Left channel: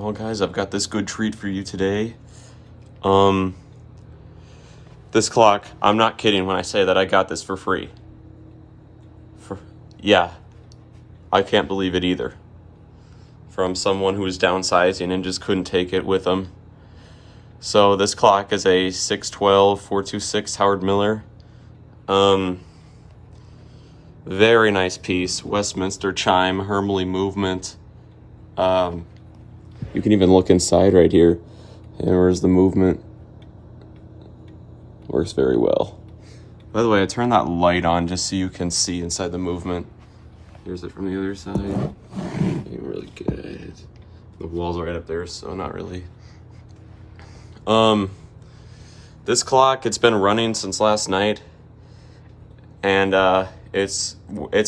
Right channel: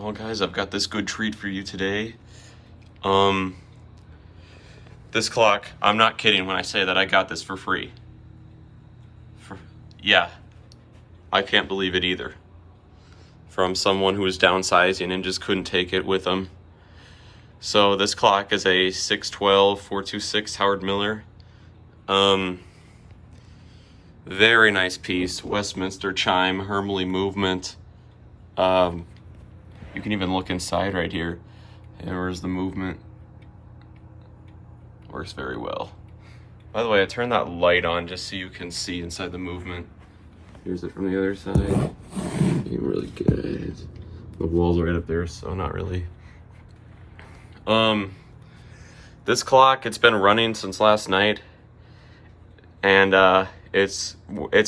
Well, guys, I've got this good treat for you today. This clock, I'm not kidding when I say that I got this for free. Yeah, I can't believe it either. From someone who was downsizing and just couldn't take it with them. So this clock is a 612 426 Howard Miller. Very nice piece. Westminster chime, Hermle movement. You can even look inside right here. And where's the movement? Works very well. By the way, I turned that light on just so you can see inside the movement. Here's it from the other side. Looking really good. The walls are right up there, so not really. This clock, it's been running since last night, and it's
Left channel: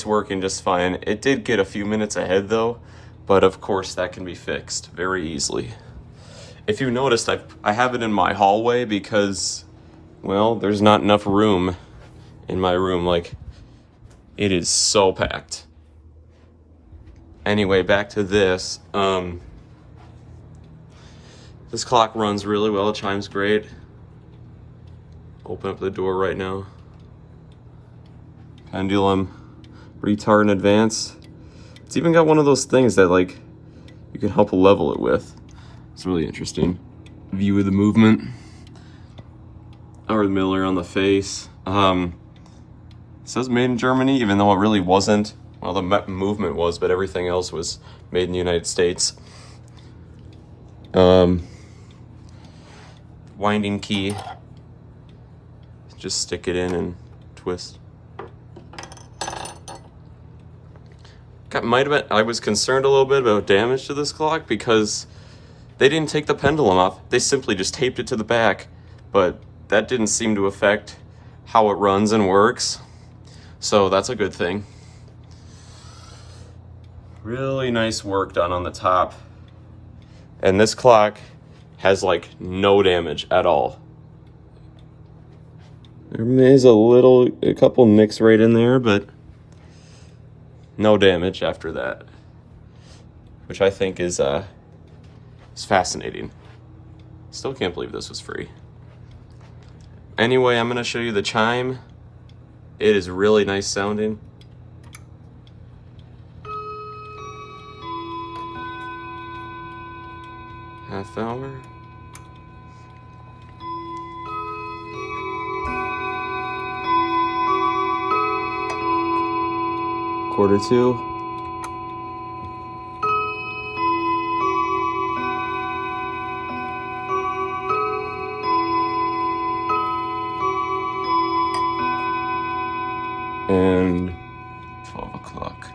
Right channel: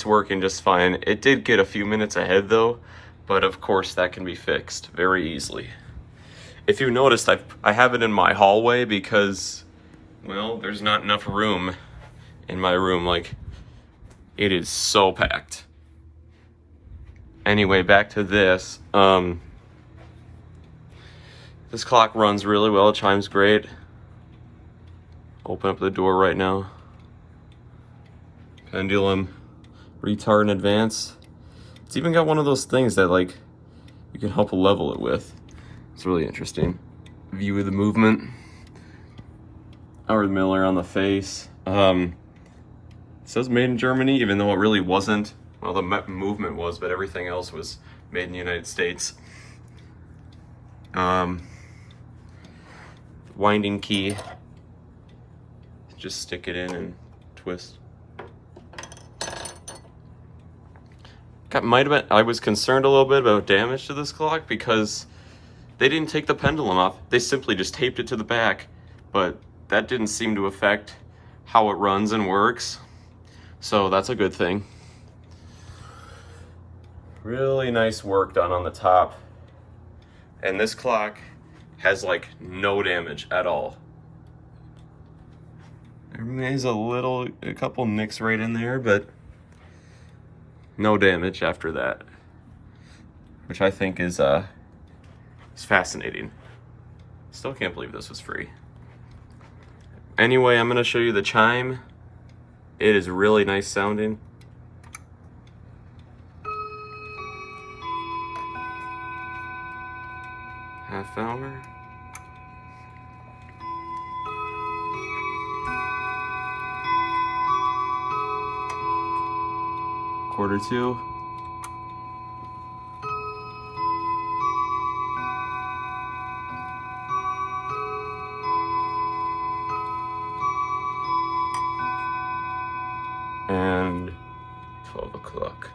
working just fine. It did get a few minutes ahead though, but of course that can be fixed very easily. If you noticed, I have it in my hallway because, well, there's not enough room in my room. Like, it is so packed. Anyway, back to this. This clock runs really well. It chimes great. Open up the door right now. Pendulum, retard in advance. It's even got one of those things that, like, you can help level it with. It's really interesting. View of the movement. Howard Miller on the face. It says made in Germany, even though it really wasn't. Well, the movement was, but everything else was made in the United States. Winding key. Just stick it in and twist. I was concerned a little bit about damage to this clock because they didn't take the pendulum off. They simply just taped it to the back, but that didn't seem to affect how it runs and works. So that's a good thing. Really nice work done on the top. And this clock has like no damage at all. There is a couple nicks right in there, but no damage after that, which I think is fascinating. Still can't believe this was free. Anyway, I'm gonna show you the chime. It is really nice sounding. Half hour. Quarter two. And 12 o'clock.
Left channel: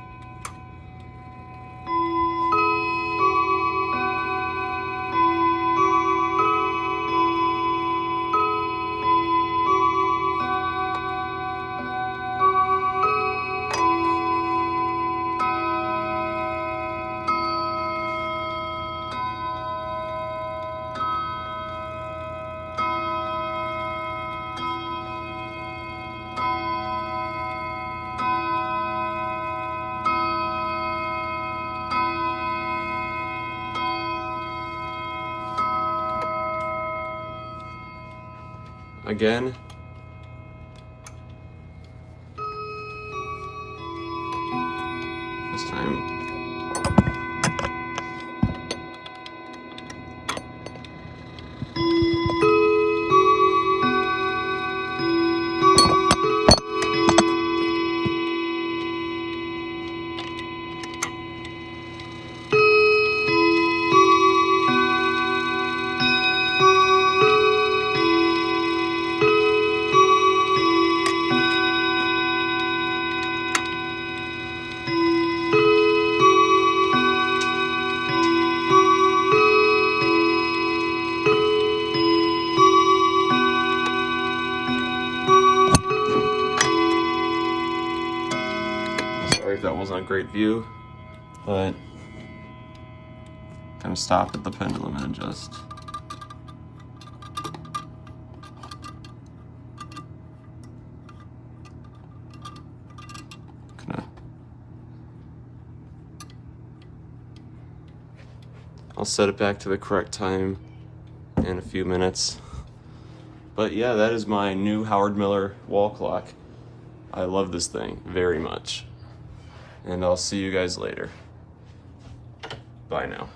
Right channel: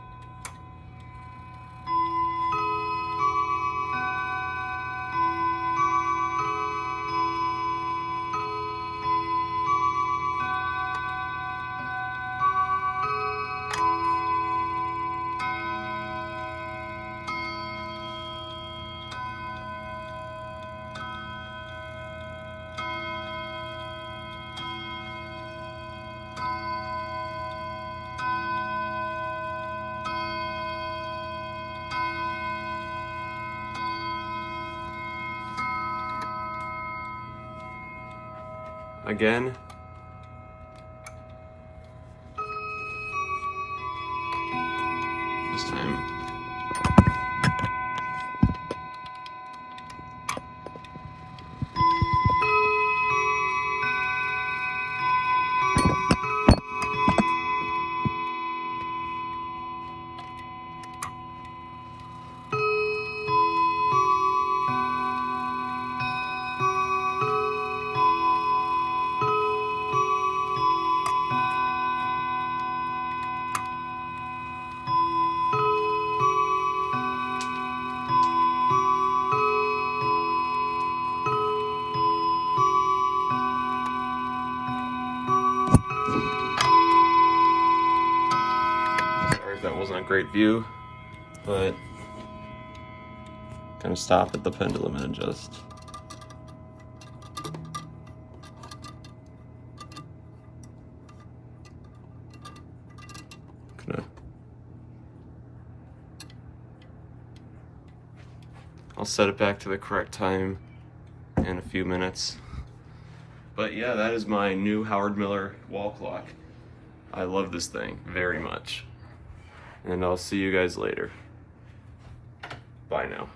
Again. This time. That wasn't a great view, but gonna stop at the pendulum and adjust. I'll set it back to the correct time in a few minutes. But yeah, that is my new Howard Miller wall clock. I love this thing very much. And I'll see you guys later. Bye now.